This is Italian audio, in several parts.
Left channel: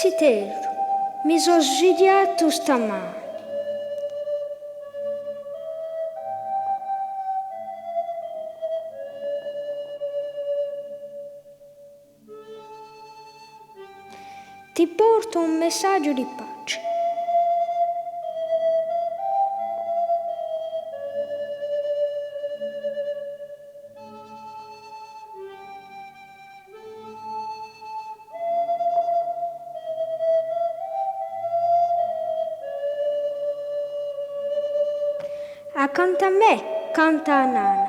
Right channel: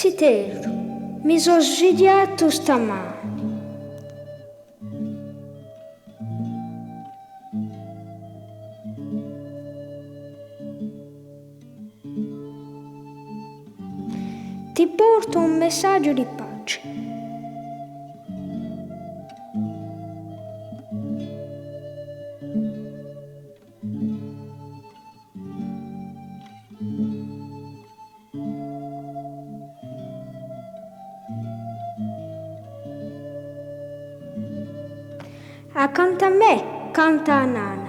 Zitero, mi sono svidiato stamani. Ti porto un messaggio di pace. Accanto a me canta Nana.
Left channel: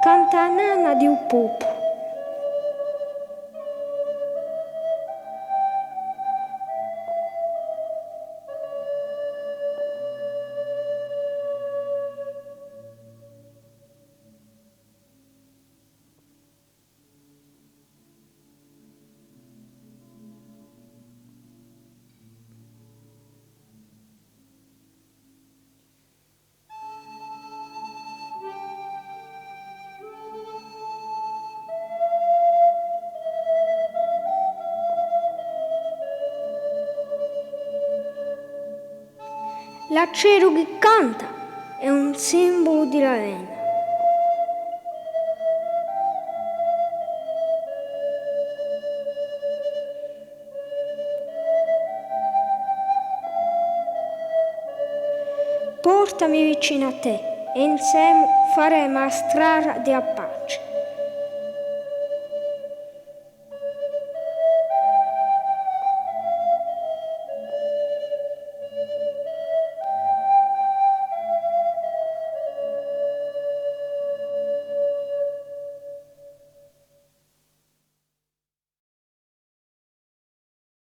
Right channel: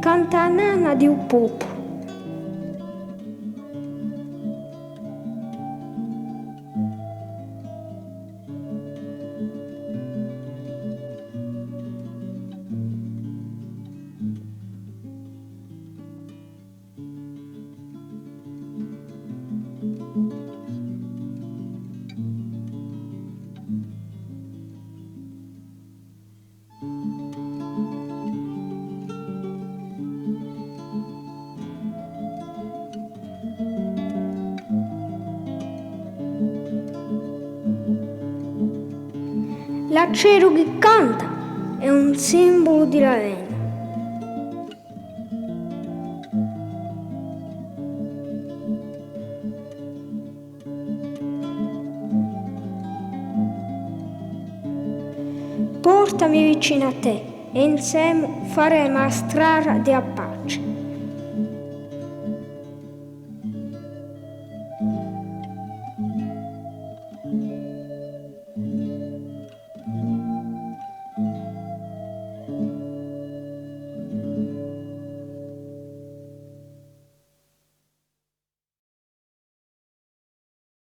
Canta Nana di un pupo. L'acero che canta è un simbolo di Ravenna. Portami vicino a te e insieme faremo la strada di Appa.